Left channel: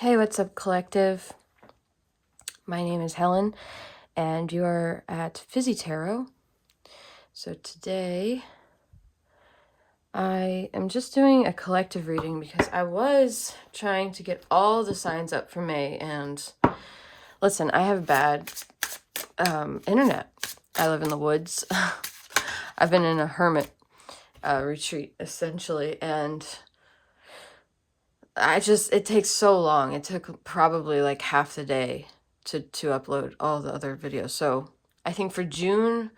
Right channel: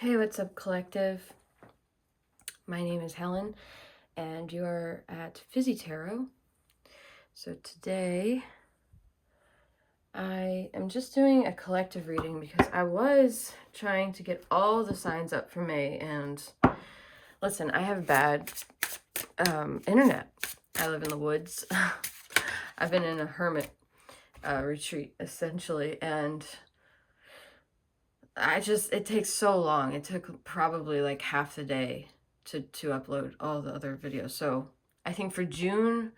Hey, what's up, collective? My name is Helen, and you are at Fizzy Tarot. So today, I am just doing a collective reading because I was trying to get all the signs up for May, and listen, I have bad internet. I live in the woods. I've been in a hermit retreat, essentially, and it takes so long. It took probably like half the day to upload all the other videos. So I think for June,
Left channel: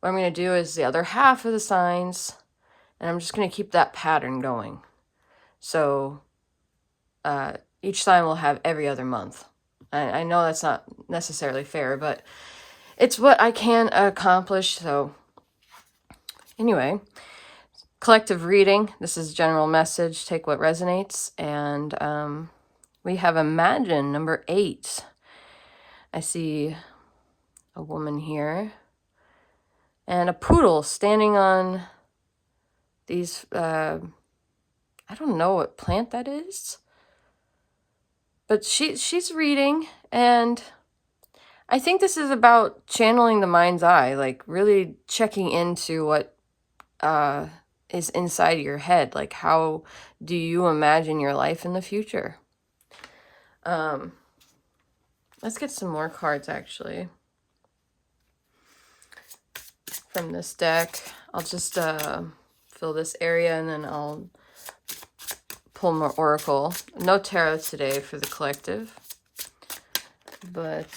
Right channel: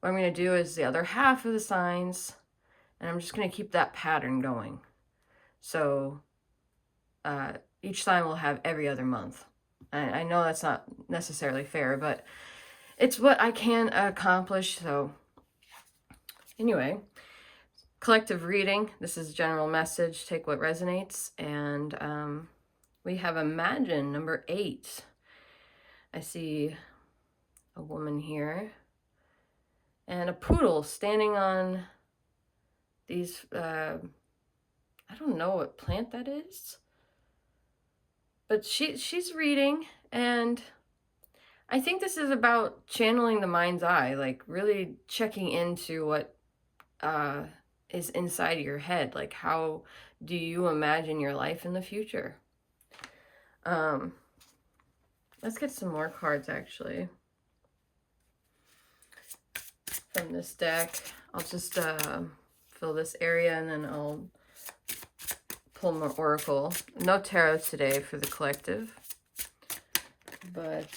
what I'm going to do is the other half of the signs, and I'm just going to keep that pattern going. So each sign will have every other month. I know that's not necessarily fair, but it's what I can accomplish. So anyway, collective reading. This is general message. Take what resonates. And we have Imagine number 8. I see a woman here and a poodle standing on these, I don't know what plant that is, but she's reading, and I think this is about channeling the mind's eye, like really checking into what is inside your head. Like, how do you imagine your life in the future? Let's get some more cards, actually, from this deck. I'll just fill this area, and then I'll pull more oracle. No tarot today for the collective, but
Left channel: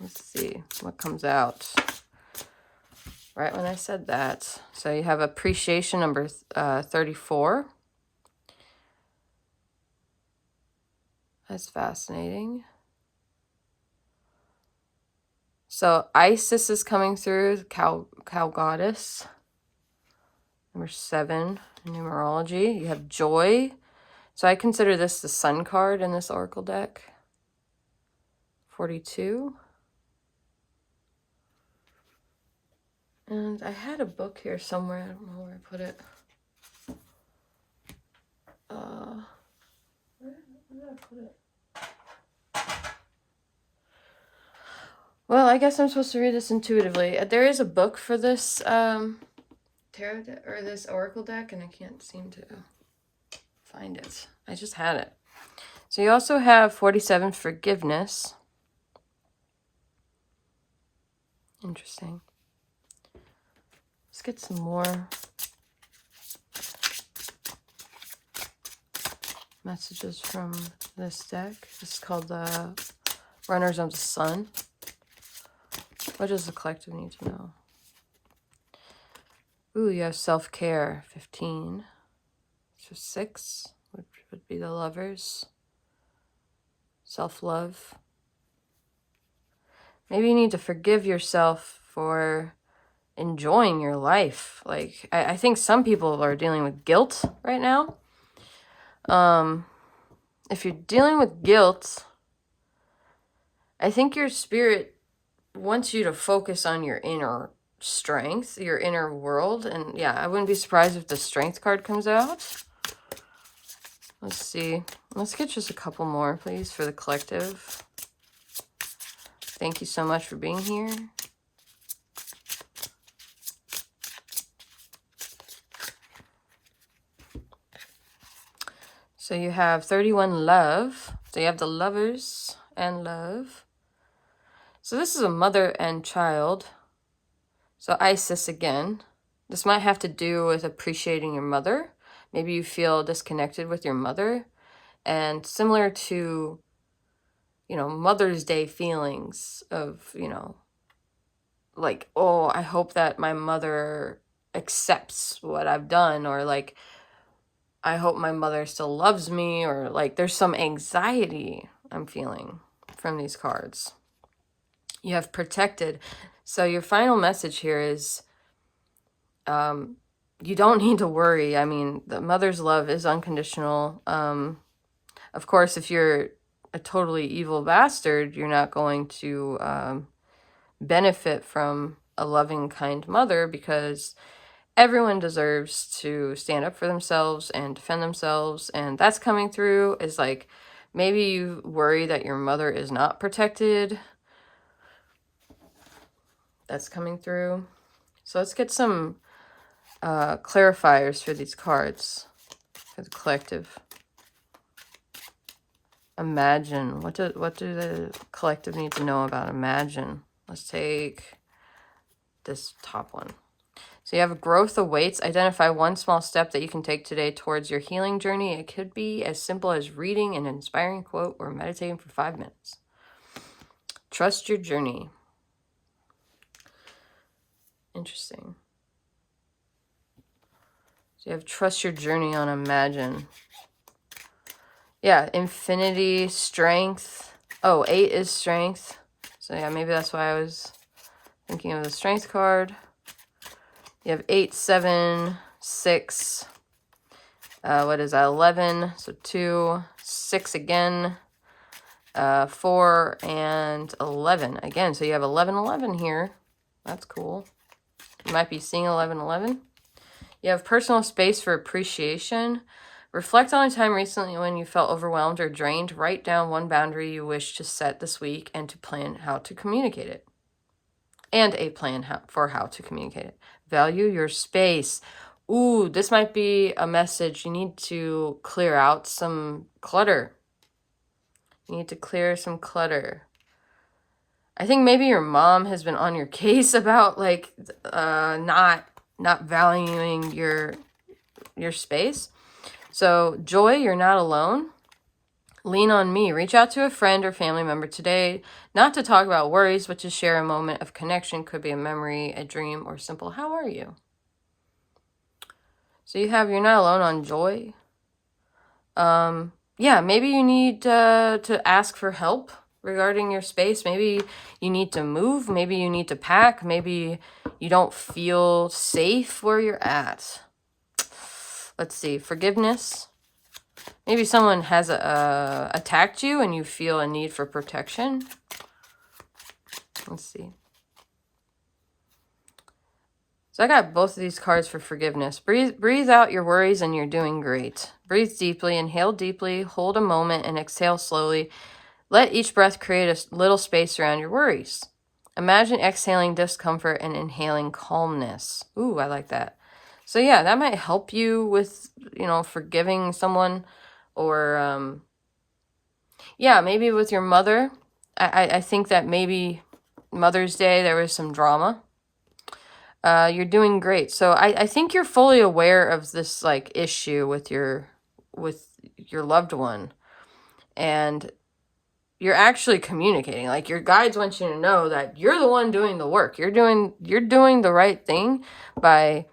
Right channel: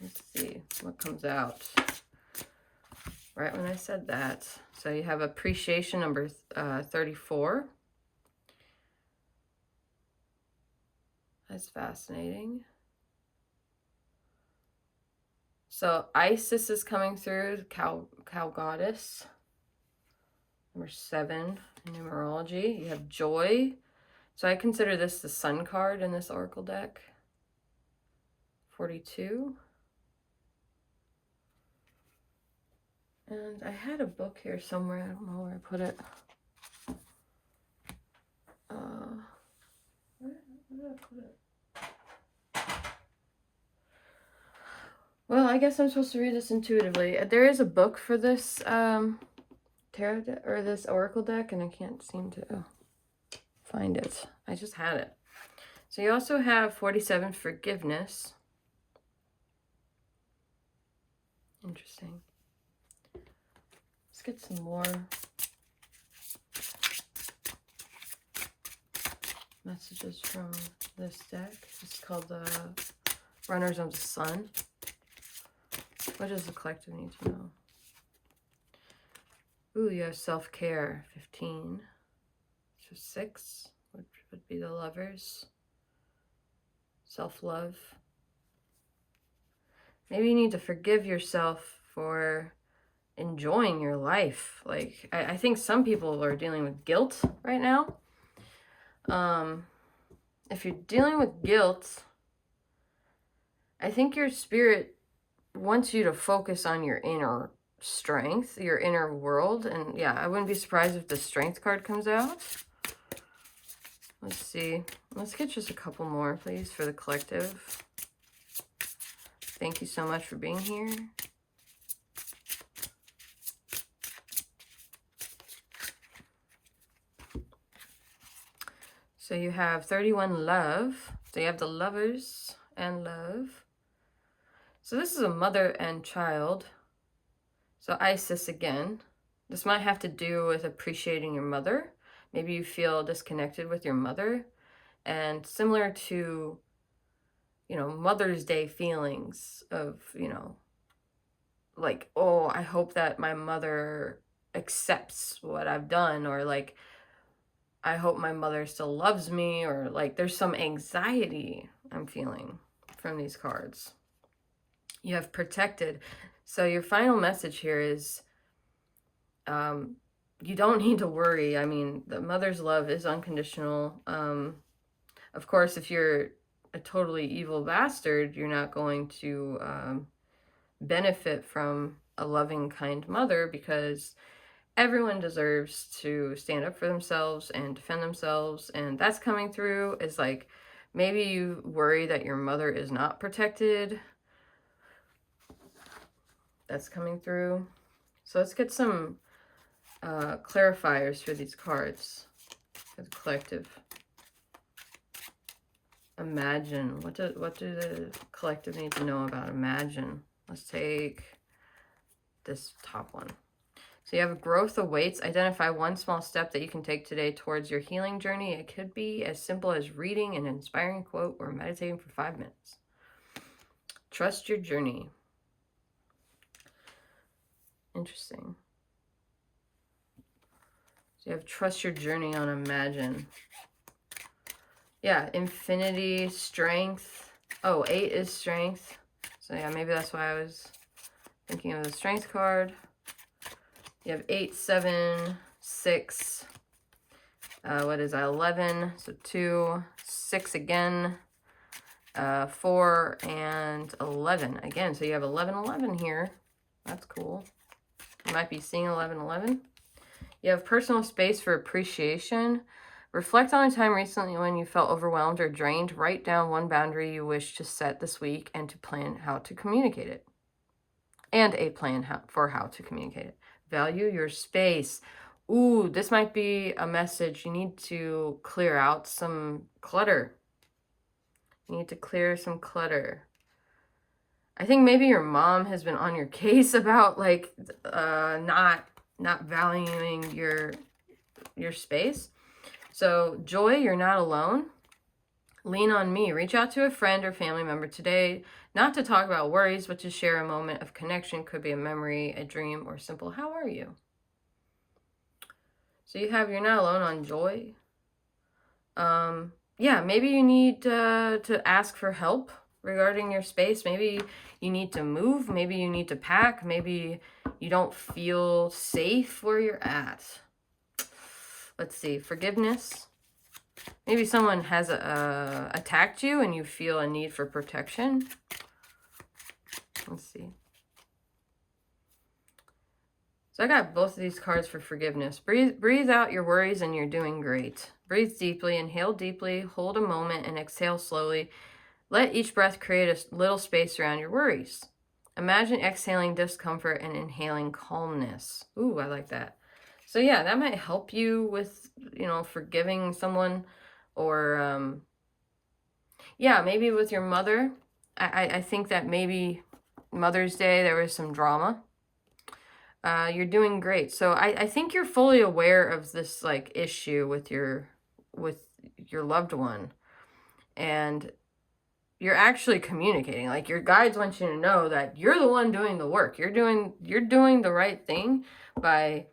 let's see what comes out right when I said that. So you have appreciation number 34. That's fascinating. So Isis is coming through, cow goddess. Number 7 in numerology. You have joy. So I consider this the sun card in this oracle deck. 42. And I had a book here somewhere. I don't know where I put it. Where did I put it? Well, I guess I'm supposed to read this intuitively. There is a book for this tarot deck, or this oracle deck, and I can't seem to find it. I just had it. So you also have 47, forgiveness. Interesting. Let's get some more messages from this deck. This is called the Runners of the Sun. What does the collective need to know? Ooh, you have self-care, 15. So 6 would be the Lovers. Self-love. Maybe you need to forgive yourself for enjoying your life. Like, I think some people are dealing with guilt right now. If you're dealing with guilt, I think your spirit wants you to focus on your inner strength, your inner world. And yeah, I wouldn't be surprised if the strength card comes out. Let's see. Let's get just a couple more, please, for the collective. Thank you so much for being here. So you have 31, love. So you have the Lovers and love. So this is a mother and child. So Isis again. This might have to do with appreciating your mother. Maybe you feel disconnected with your mother. And similar to, you know, Mother's Day feelings of, you know, like, oh, I hope that my mother accepts what I've done, or like, I hope my mother still loves me, or like there's some anxiety I'm feeling from these cards. You have protected. So your final message here is you don't need to worry. I mean, the mother's love is unconditional. Of course, if you're a totally evil bastard, you're not going to benefit from a loving, kind mother, because everyone deserves to stand up for themselves and defend themselves. And that's coming through is like, maybe you worry that your mother is not protected. That's coming through. So let's get some clarifiers for these cards for the collective. Imagine. What do the collective need to know about imagine? Let's take this top one. So you have growth awaits. Identify one small step that you can take today towards your healing journey. It could be as simple as reading an inspiring quote or meditating for 5 minutes. Trust your journey. Interesting. So you have trust your journey on imagine. Yeah, infinity, strength. Oh, 8 is strength. So yeah, maybe that's why I was thinking of the strength card. You have 8, 7, 6. What is that? 11. So 2, 6 again. 4 and 11 again. So you have 11, 11 here. That's cool. You might be seeing 11, 11. You have personal space for appreciation. Reflect on a time recently when you felt overwhelmed or drained. Write down one boundary you wish to set this week and to plan how to communicate it. And a plan for how to communicate it. Value your space. Ooh, this might be a message. You need to clear out some clutter. You need to clear some clutter. I think maybe your mom has been on your case about like not valuing your space. So joy, you're not alone. Lean on me. Reach out to a friend or family member today, not to talk about worries, but to share a moment of connection. Could be a memory, a dream, or simple, how are you? So you have, you're not alone on joy. Yeah, maybe you need to ask for help regarding your space. Maybe you need to move. Maybe you need to pack. Maybe you don't feel safe where you're at. Let's see. Forgiveness. Maybe someone has attacked you and you feel a need for protection. Let's see. So I got both of these cards for forgiveness. Breathe out your worries and you're doing great. Breathe deeply, inhale deeply, hold a moment and exhale slowly. Let each breath create a little space around your worries. Imagine exhaling discomfort and inhaling calmness. Ooh, I like that. So yeah, that might help you with, forgiving someone or, yeah, maybe with your mother. I think that maybe Mother's Day, there was some drama. You're doing great. So I think you're fully aware of this like issue with your loved one. And you're actually communicating. Like your guides want you to know that you're the one doing the work. You're doing the right thing by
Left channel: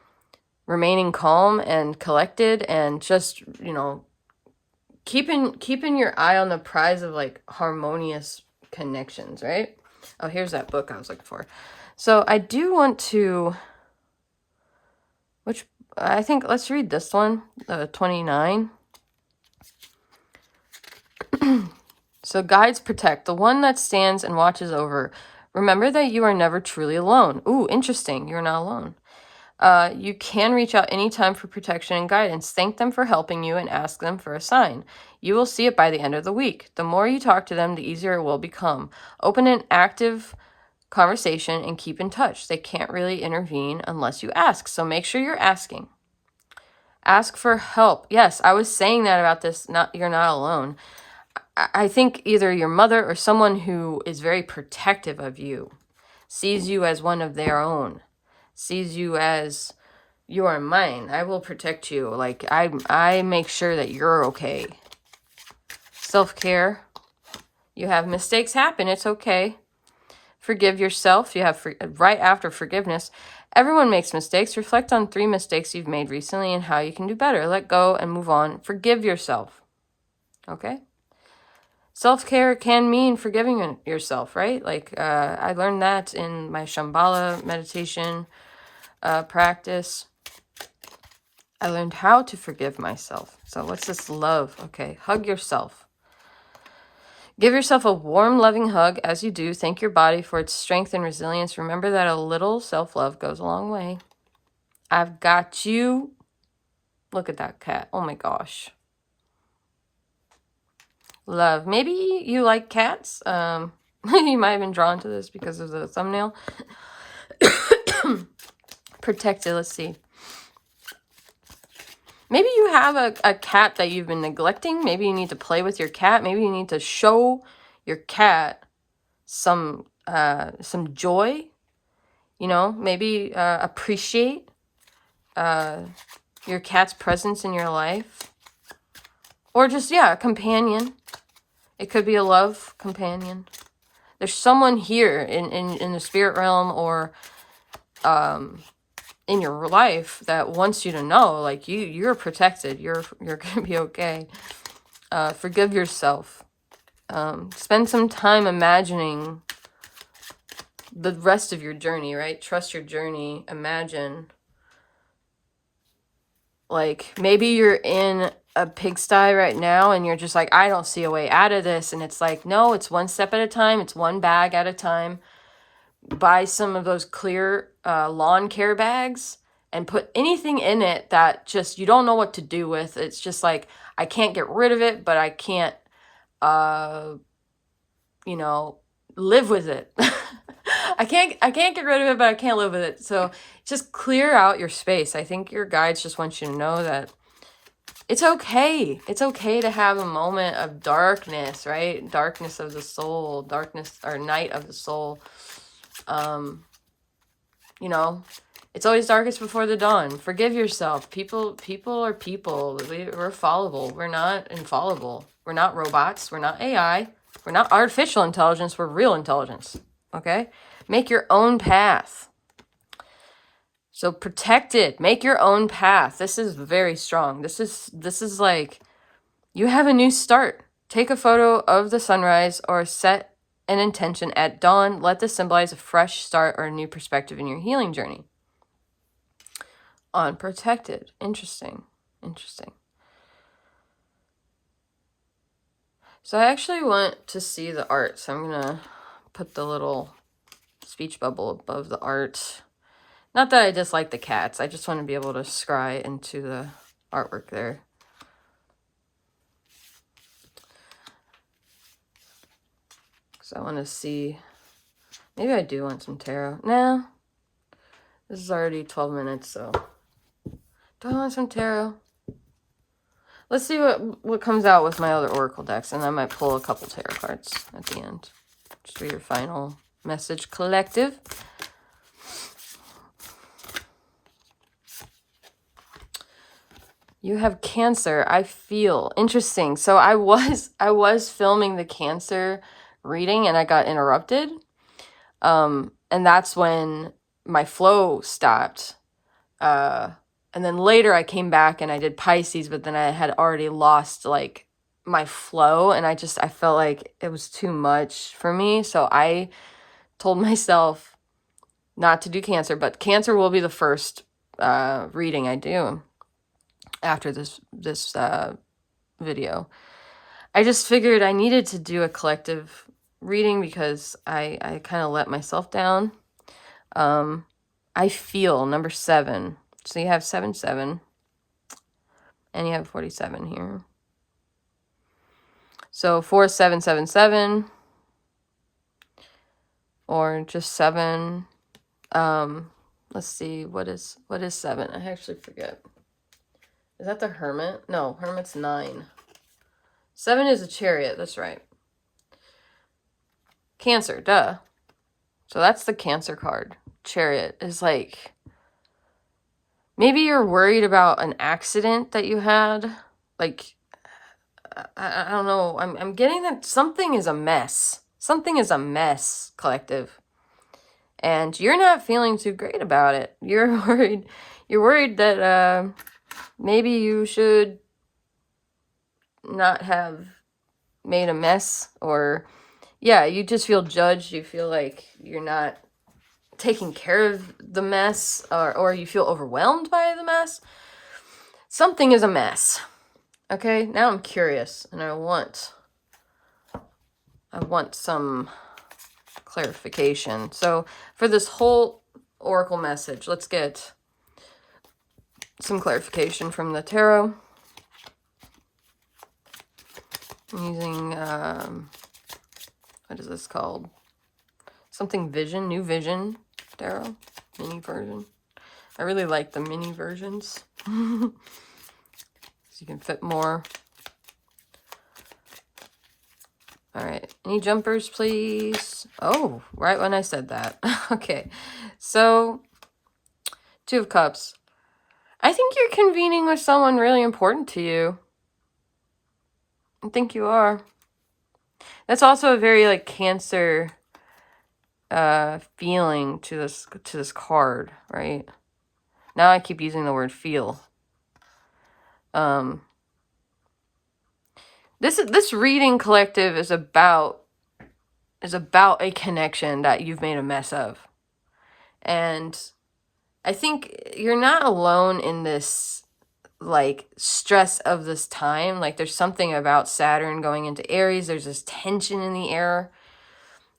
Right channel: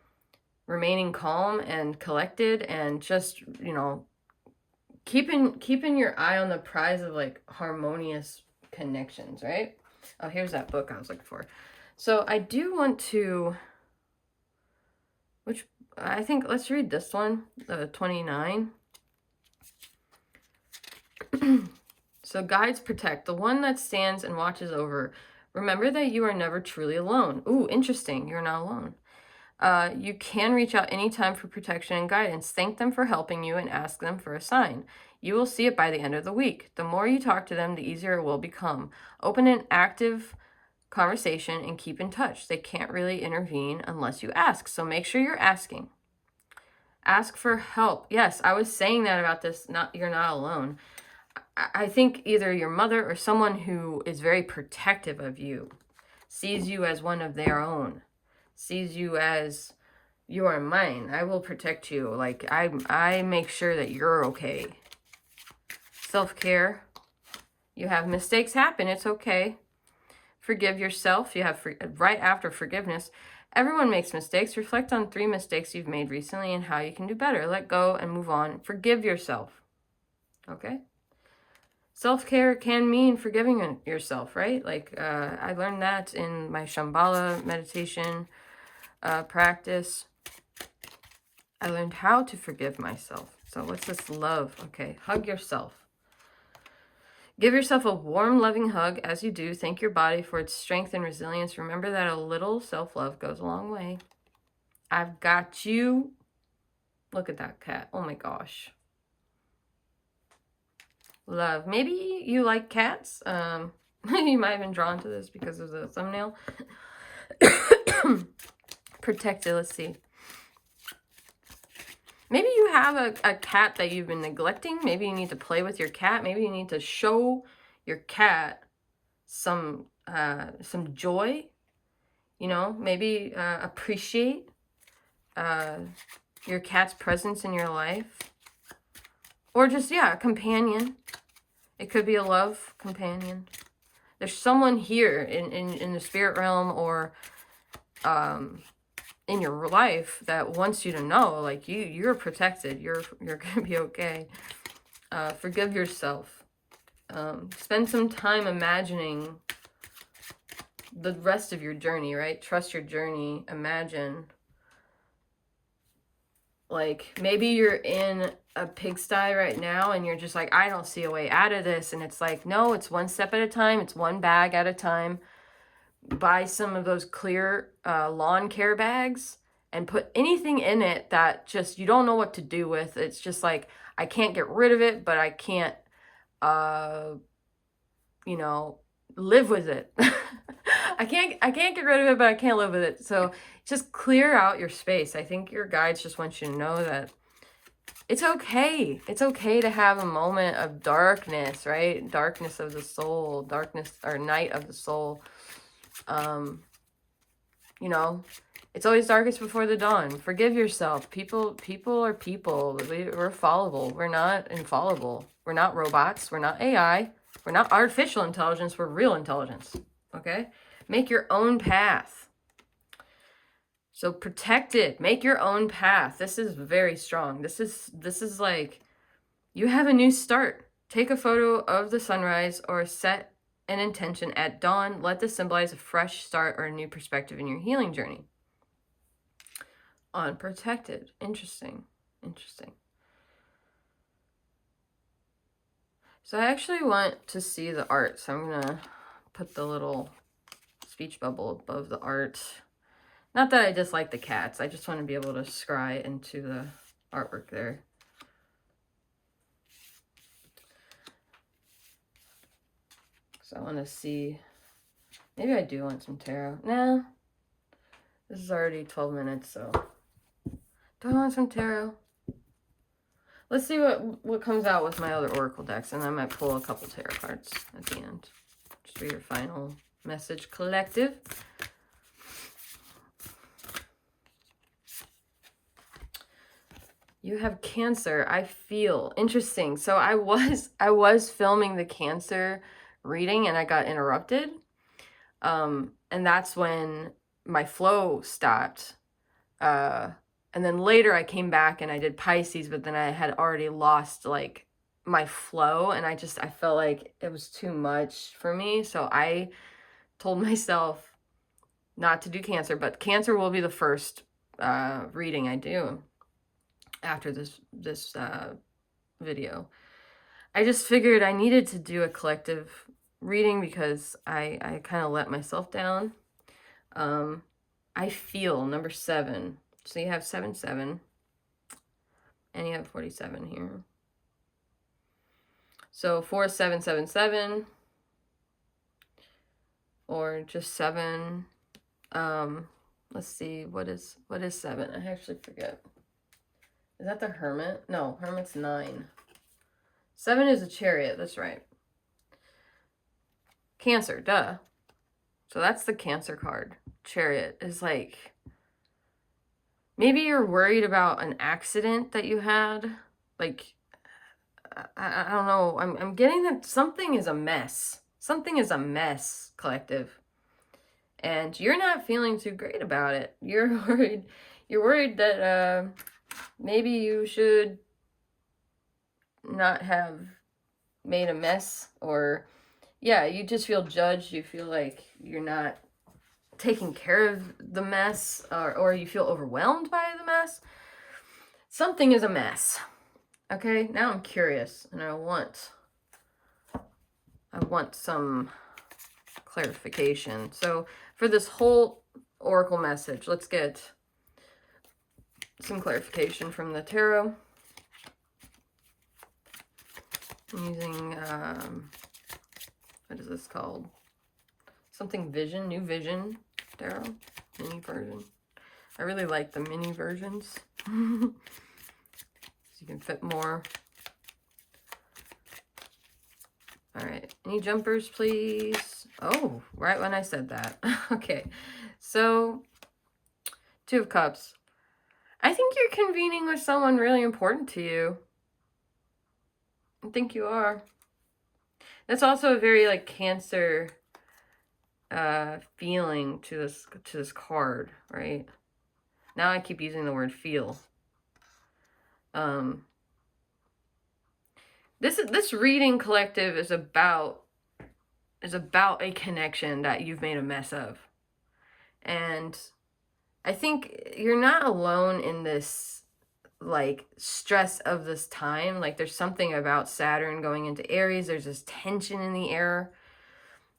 remaining calm and collected and just, keeping your eye on the prize of like harmonious connections, right? Oh, here's that book I was looking for. So I do want to, I think, let's read this one, 29. So guides protect, the one that stands and watches over. Remember that you are never truly alone. Ooh, interesting. You're not alone. You can reach out anytime for protection and guidance. Thank them for helping you and ask them for a sign. You will see it by the end of the week. The more you talk to them, the easier it will become. Open an active conversation and keep in touch. They can't really intervene unless you ask. So make sure you're asking. Ask for help. Yes, I was saying that about this. You're not alone. I think either your mother or someone who is very protective of you sees you as one of their own, sees you as, you are mine. I will protect you. Like I make sure that you're okay. Self-care. You have mistakes happen. It's okay. Forgive yourself. You have right after forgiveness. Everyone makes mistakes. Reflect on 3 mistakes you've made recently and how you can do better. Let go and move on. Forgive yourself. Okay? Self-care can mean forgiving yourself, right? Like I learned that in my Shambhala meditation practice. I learned how to forgive myself. So what's this love? Okay, hug yourself. Give yourself a warm, loving hug as you do. Thank your body for its strength and resilience. Remember that a little self-love goes a long way. I've got you. Look at that cat. Oh my gosh. Love. Maybe you like cats. You might have been drawn to this because of the thumbnail. Protected. Let's see. Maybe you have a cat that you've been neglecting. Maybe you need to play with your cat. Maybe you need to show your cat some joy. You know, maybe appreciate your cat's presence in your life. Or just, yeah, a companion. It could be a love companion. There's someone here in the spirit realm or in your life that wants you to know, like, you're protected. You're gonna be okay. Forgive yourself. Spend some time imagining the rest of your journey, right? Trust your journey. Imagine. Like, maybe you're in a pigsty right now and you're just like, I don't see a way out of this. And it's like, no, it's one step at a time. It's one bag at a time. Buy some of those clear lawn care bags and put anything in it that just you don't know what to do with. It's just like, I can't get rid of it, but I can't, you know, live with it. I can't get rid of it, but I can't live with it. So just clear out your space. I think your guides just want you to know that it's okay. It's okay to have a moment of darkness, right? Darkness of the soul, darkness or night of the soul. You know, it's always darkest before the dawn. Forgive yourself. People are people. We're fallible. We're not infallible. We're not robots. We're not AI. We're not artificial intelligence. We're real intelligence. Okay? Make your own path. So protect it. Make your own path. This is very strong. This is like you have a new start. Take a photo of the sunrise or set an intention at dawn. Let this symbolize a fresh start or a new perspective in your healing journey. Unprotected. Interesting. Interesting. So I actually want to see the art. So I'm going to put the little speech bubble above the art. Not that I dislike the cats. I just want to be able to scry into the artwork there. So I want to see. Maybe I do want some tarot. No. This is already 12 minutes, so. Do I want some tarot? Let's see what comes out with my other oracle decks, and I might pull a couple tarot cards at the end. Just for your final message, collective. You have Cancer. I feel interesting. So I was filming the Cancer reading and I got interrupted. And that's when my flow stopped. And then later I came back and I did Pisces, but then I had already lost like my flow and I felt like it was too much for me. So I told myself not to do Cancer, but Cancer will be the first reading I do after this video. I just figured I needed to do a collective reading because I kind of let myself down. I feel number 7. So you have 7, 7. And you have 47 here. So 4, 7, 7, 7. Or just 7. Let's see, what is 7? I actually forget. Is that the Hermit? No, Hermit's 9. 7 is a Chariot, that's right. Cancer, duh. So that's the Cancer card. Chariot is like, maybe you're worried about an accident that you had. Like, I don't know. I'm getting that something is a mess. Something is a mess, collective. And you're not feeling too great about it. You're worried that maybe you should not have made a mess, or yeah, you just feel judged. You feel like you're not taking care of the mess, or you feel overwhelmed by the mess. Something is a mess. Okay, now I'm curious and I want some clarification. So for this whole oracle message, let's get some clarification from the tarot. I'm using, what is this called? Something Vision, New Vision tarot, mini version. I really like the mini versions. So you can fit more. All right, any jumpers, please? Oh, right when I said that. Okay, so Two of Cups. I think you're convening with someone really important to you. I think you are. That's also a very like Cancer feeling to this card, right? Now I keep using the word feel. This reading, collective, is about a connection that you've made a mess of. And I think you're not alone in this like stress of this time. Like there's something about Saturn going into Aries. There's this tension in the air.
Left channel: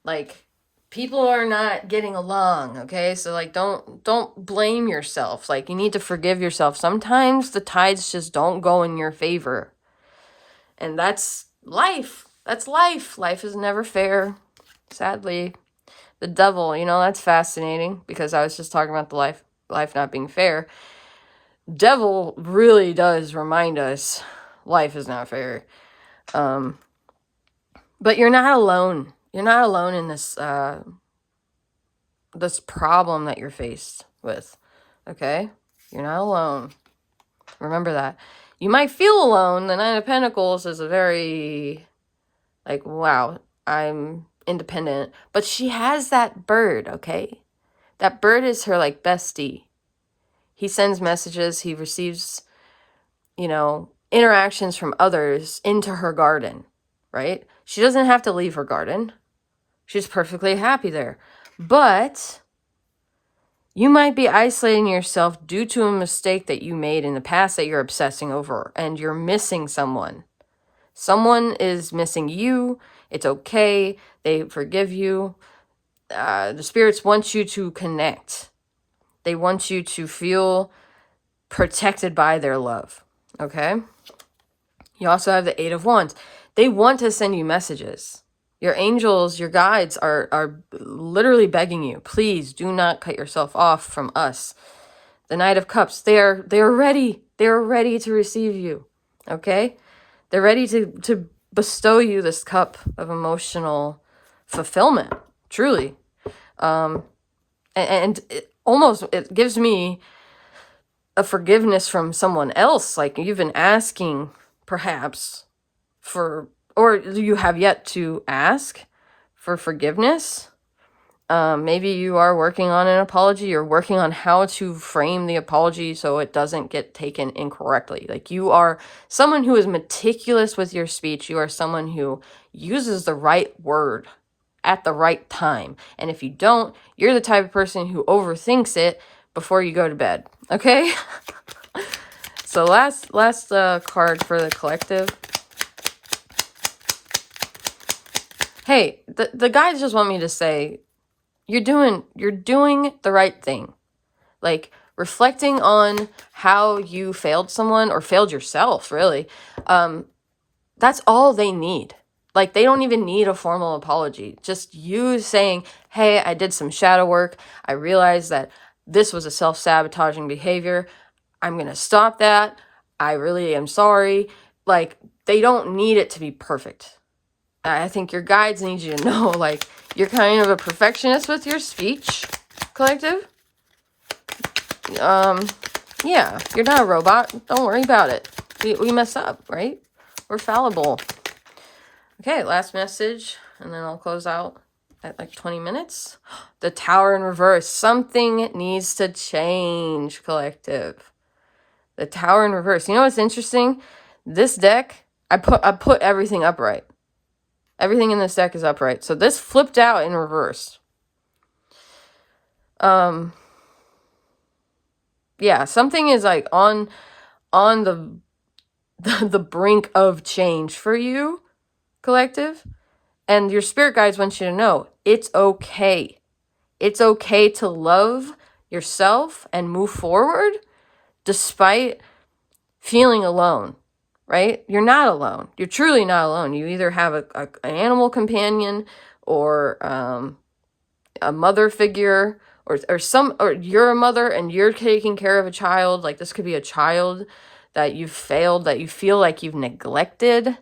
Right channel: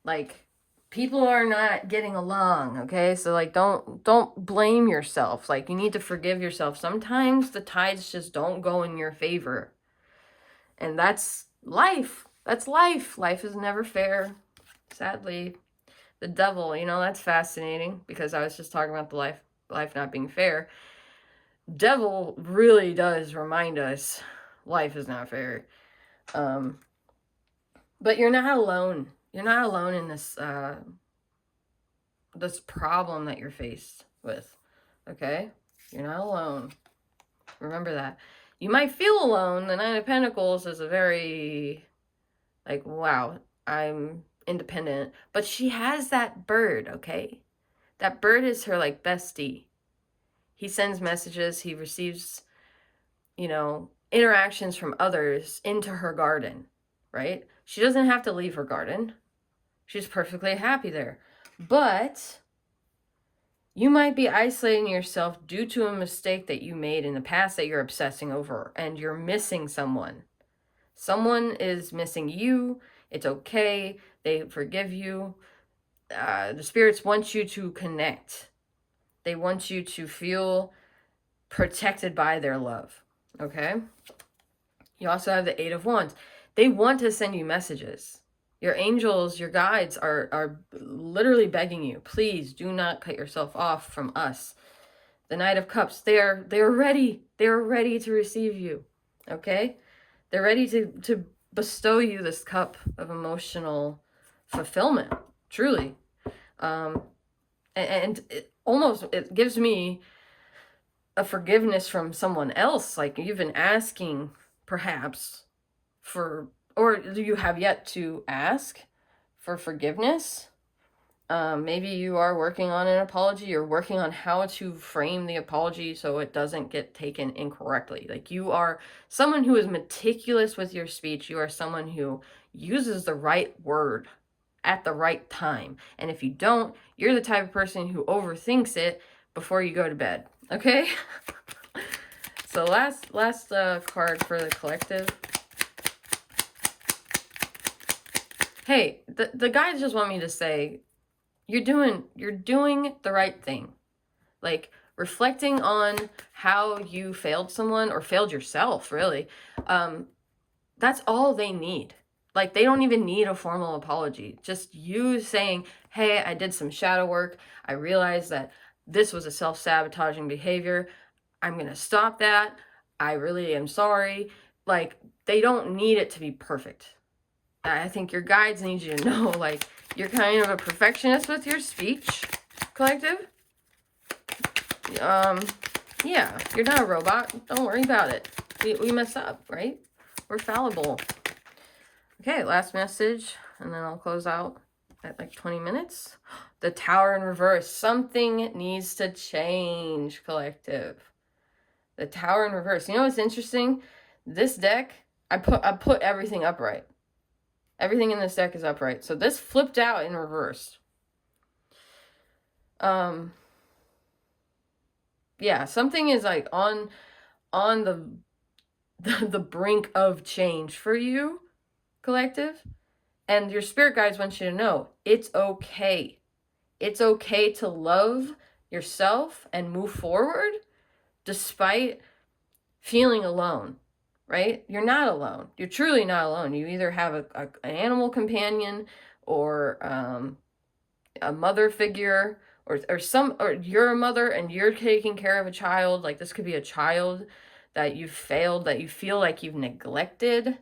Like people are not getting along, okay? So like don't blame yourself. Like you need to forgive yourself. Sometimes the tides just don't go in your favor. And that's life. That's life. Life is never fair. Sadly, the devil, you know, that's fascinating because I was just talking about the life not being fair. Devil really does remind us life is not fair. But you're not alone. You're not alone in this this problem that you're faced with. Okay? You're not alone. Remember that. You might feel alone. The Nine of Pentacles is a very like, wow, I'm independent. But she has that bird, okay? That bird is her like bestie. He sends messages, he receives, you know, interactions from others into her garden, right? She doesn't have to leave her garden. She's perfectly happy there. But you might be isolating yourself due to a mistake that you made in the past that you're obsessing over, and you're missing someone. Someone is missing you. It's okay. They forgive you. The spirits want you to connect. They want you to feel protected by their love. Okay? You also have the Eight of Wands. They want to send you messages. Your angels, your guides are literally begging you, please do not cut yourself off from us. The Knight of Cups, they're ready. They're ready to receive you. Okay? They're ready to bestow you this cup of emotional fulfillment. Truly. And it gives me a forgiveness from someone else. Like you've been asking perhaps for, or you have yet to ask for forgiveness. Maybe you are working on an apology. You're working on how to frame the apology so it doesn't get taken incorrectly. Like you are someone who is meticulous with your speech. You are someone who uses the right word at the right time. And if you don't, you're the type of person who overthinks it before you go to bed. Okay? So last card for the collective. Hey, the guides just want me to say, you're doing the right thing. Like reflecting on how you failed someone or failed yourself, really. That's all they need. Like they don't even need a formal apology. Just you saying, hey, I did some shadow work. I realized that this was a self-sabotaging behavior. I'm going to stop that. I really am sorry. Like they don't need it to be perfect. I think your guides need you to know, like, you're kind of a perfectionist with your speech, collective. Yeah, you're not a robot. Don't worry about it. We mess up, right? We're fallible. Okay, last message, and then I'll close out at like 20 minutes. The Tower in reverse. Something needs to change, collective. The Tower in reverse. You know what's interesting? This deck, I put everything upright. Everything in this deck is upright. So this flipped out in reverse. Yeah, something is like on the brink of change for you, collective. And your spirit guides want you to know it's okay. It's okay to love yourself and move forward despite feeling alone, right? You're not alone. You're truly not alone. You either have an animal companion, or a mother figure, or you're a mother and you're taking care of a child. Like, this could be a child that you've failed, that you feel like you've neglected,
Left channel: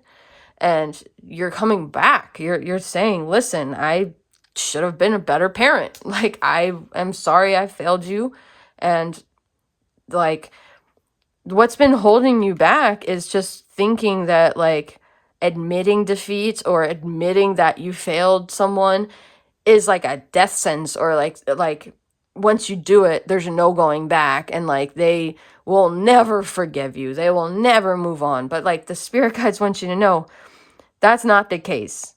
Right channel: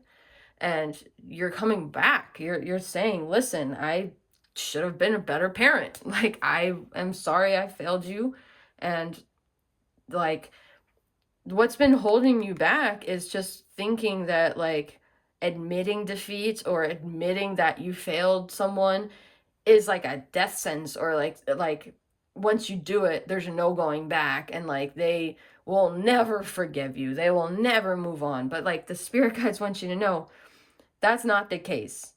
and you're coming back. You're saying, listen, I should have been a better parent. Like, I am sorry I failed you. And like, what's been holding you back is just thinking that, like, admitting defeat or admitting that you failed someone is like a death sentence, or like once you do it, there's no going back, and like they will never forgive you. They will never move on. But like, the spirit guides want you to know that's not the case.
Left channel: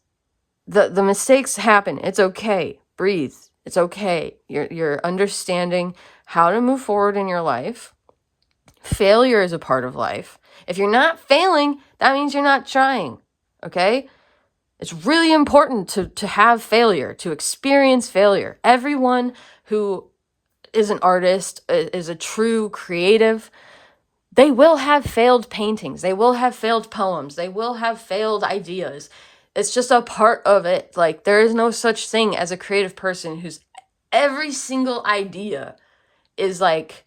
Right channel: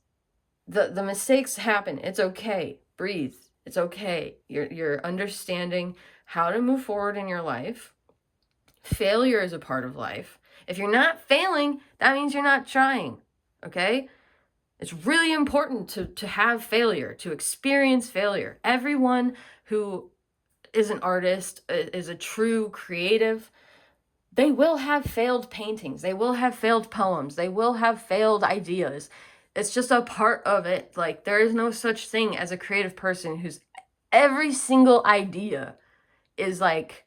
The mistakes happen. It's okay. Breathe. It's okay. You're understanding how to move forward in your life. Failure is a part of life. If you're not failing, that means you're not trying. Okay? It's really important to have failure, to experience failure. Everyone who is an artist, is a true creative, they will have failed paintings. They will have failed poems. They will have failed ideas. It's just a part of it. Like, there is no such thing as a creative person whose every single idea is like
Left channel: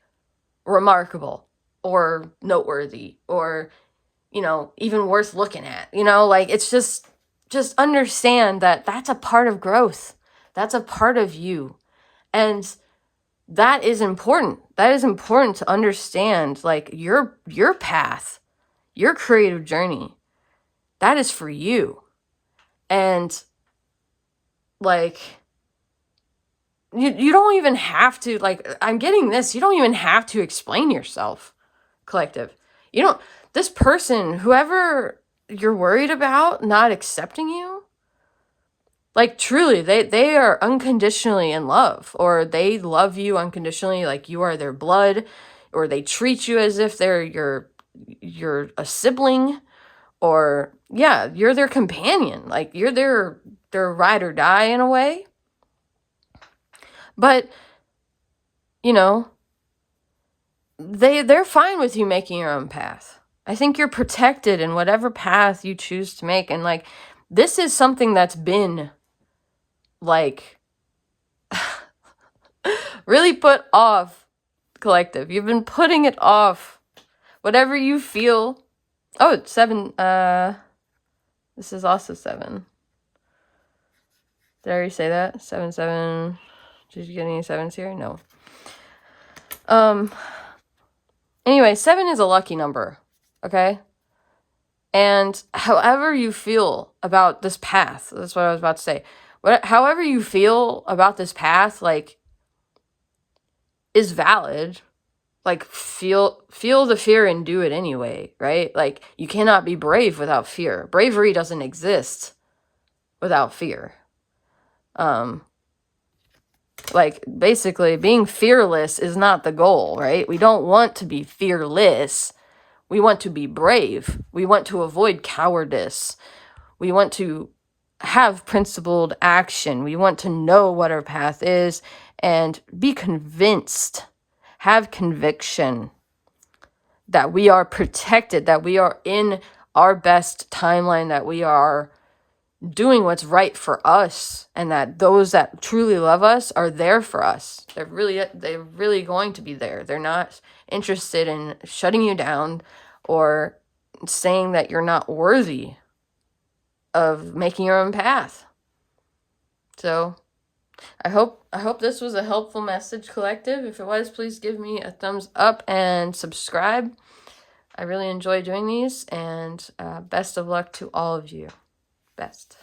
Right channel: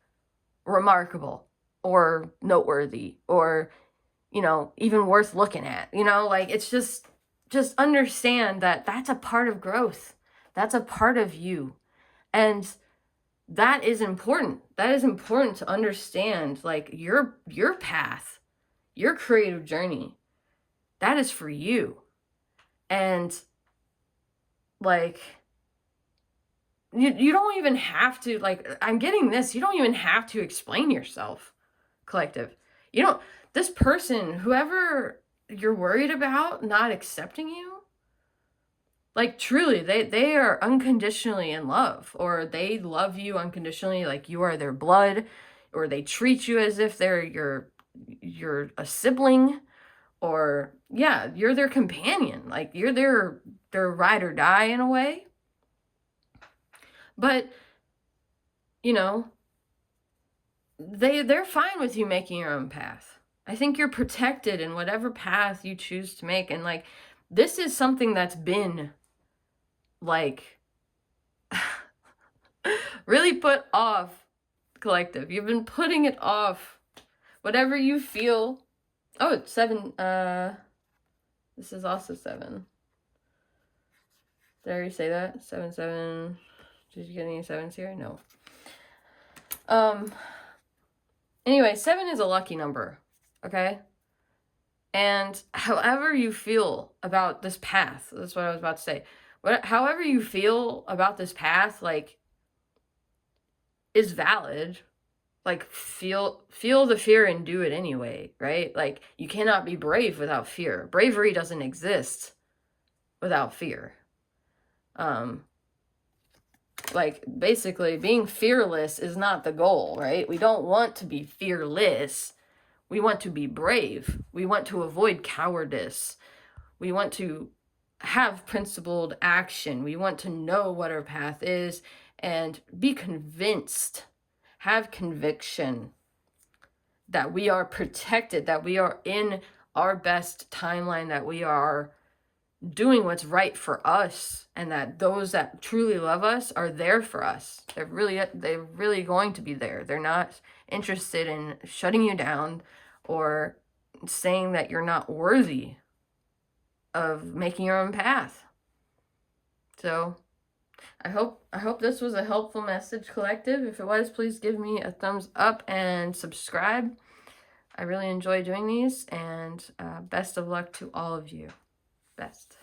remarkable or noteworthy or, even worth looking at. Like, it's just understand that that's a part of growth. That's a part of you. And that is important. That is important to understand, like, your path, your creative journey. That is for you. And like, you don't even have to, like, I'm getting this, you don't even have to explain yourself, collective. This person, whoever you're worried about not accepting you, like, truly, they are unconditionally in love, or they love you unconditionally, like you are their blood, or they treat you as if they're you're a sibling, or yeah, you're their companion, like you're their ride or die in a way. But they're fine with you making your own path. I think you're protected in whatever path you choose to make. And like, this is something that's been like really put off, collective. You've been putting it off. Whatever you feel. Oh, it's 7. This is also 7. Did I already say that? 7, 7. Did you get any 7s here? No. Anyway, 7 is a lucky number. Okay? And however you feel about this path, that's what I was about to say. However you feel about this path, like, is valid. Like, feel the fear and do it anyway, right? Like, you cannot be brave without fear. Bravery doesn't exist without fear. Like, basically, being fearless is not the goal, right? We don't want to be fearless. We want to be brave. We want to avoid cowardice. We want to have principled action. We want to know what our path is and be convinced, have conviction that we are protected, that we are in our best timeline, that we are doing what's right for us, and that those that truly love us are there for us. They're really going to be there. They're not interested in shutting you down or saying that you're not worthy of making your own path. So I hope this was a helpful message, collective. If it was, please give me a thumbs up and subscribe. I really enjoy doing these, and best of luck to all of you. Best.